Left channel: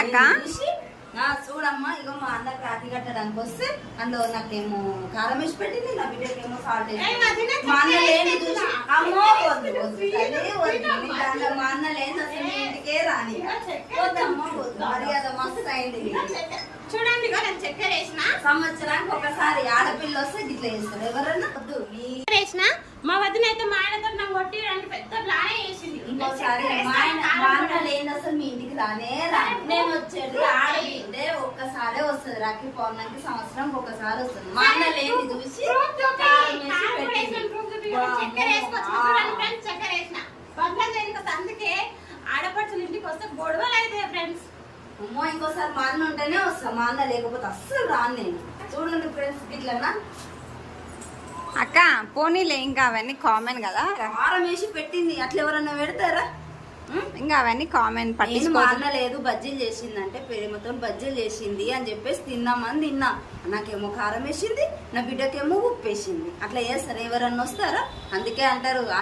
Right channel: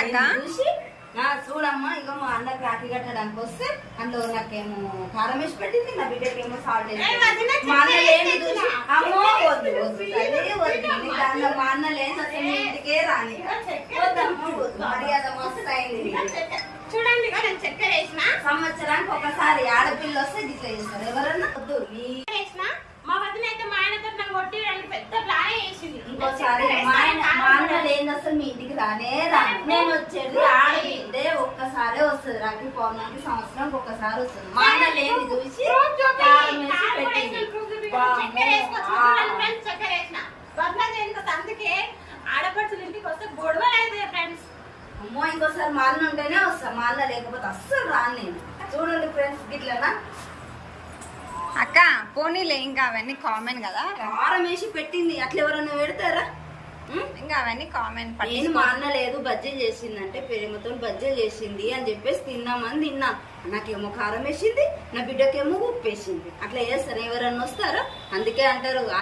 ఏందక్క చూడమ్మా, ఇగో మా అన్న కాకి కట్టడానికి వస్తే అందులో నాకేమో కారం వేసి పెట్టింది, నా బిడ్డకేమో సాల్ట్ వేసి మా అన్న లేని చూసి అమ్మో వద్దు మా అన్న లేని అసలు మీ ఇంటికే రాని వద్దమ్మా వద్దు, మర్యాద మస్తు అయింది. చూడండి నేను చక్కెర వేసిన, సంవత్సరానికి ఒకసారి ఆడపిల్ల వస్తే గిట్లా చేస్తారు ఎవరన్నా. వద్దు వేసిన మా వదిన అయితే మా ఆయనతో నన్ను కొట్టిరని పెద్ద ప్లానే చేసింది. ఇంకోసారి మా అన్న లేని అసలు మీ ఇంటికి రానే రాను. నేను వచ్చేది ఆడబిడ్డే ఒక్కసారే వస్తుంది, రాకి పౌర్ణమికి సంవత్సరం ఒక్కసారి వస్తుంది. మా అన్న లేని చూసి చక్కెర వేసిన అందుకే ఆడపడుచులు ఇంటికి వస్తే గొడవలు అయితే ఫ్రెండ్స్. అమ్మో ఇంకోసారి మా అన్న ఉంటేనే వస్తా, మా అన్న లేకపోతే అస్సలు రాను నేను. చూడండి ఫ్రెండ్స్ గిట్లనా అక్క పోనీలే, ఇంకా అవన్నీ కామన్ కదా. కారం వేసి పెట్టింది, అట్లా ఎవరన్నా పెడతారా? ఇంకా అవన్నీ కామన్. నేను మా అన్న లేదు బజ్జీలు చేసిందంటే ప్రేమతో బజ్జీలు చేసింది అని చెప్పేసి తిన్నామని తిన్నా. నాకేమో కారం వేసింది, నా బిడ్డకేమో ఉప్పు వేసింది. అట్లా చేస్తారు ఎవరన్నా వస్తారా? అందుకే అంటారు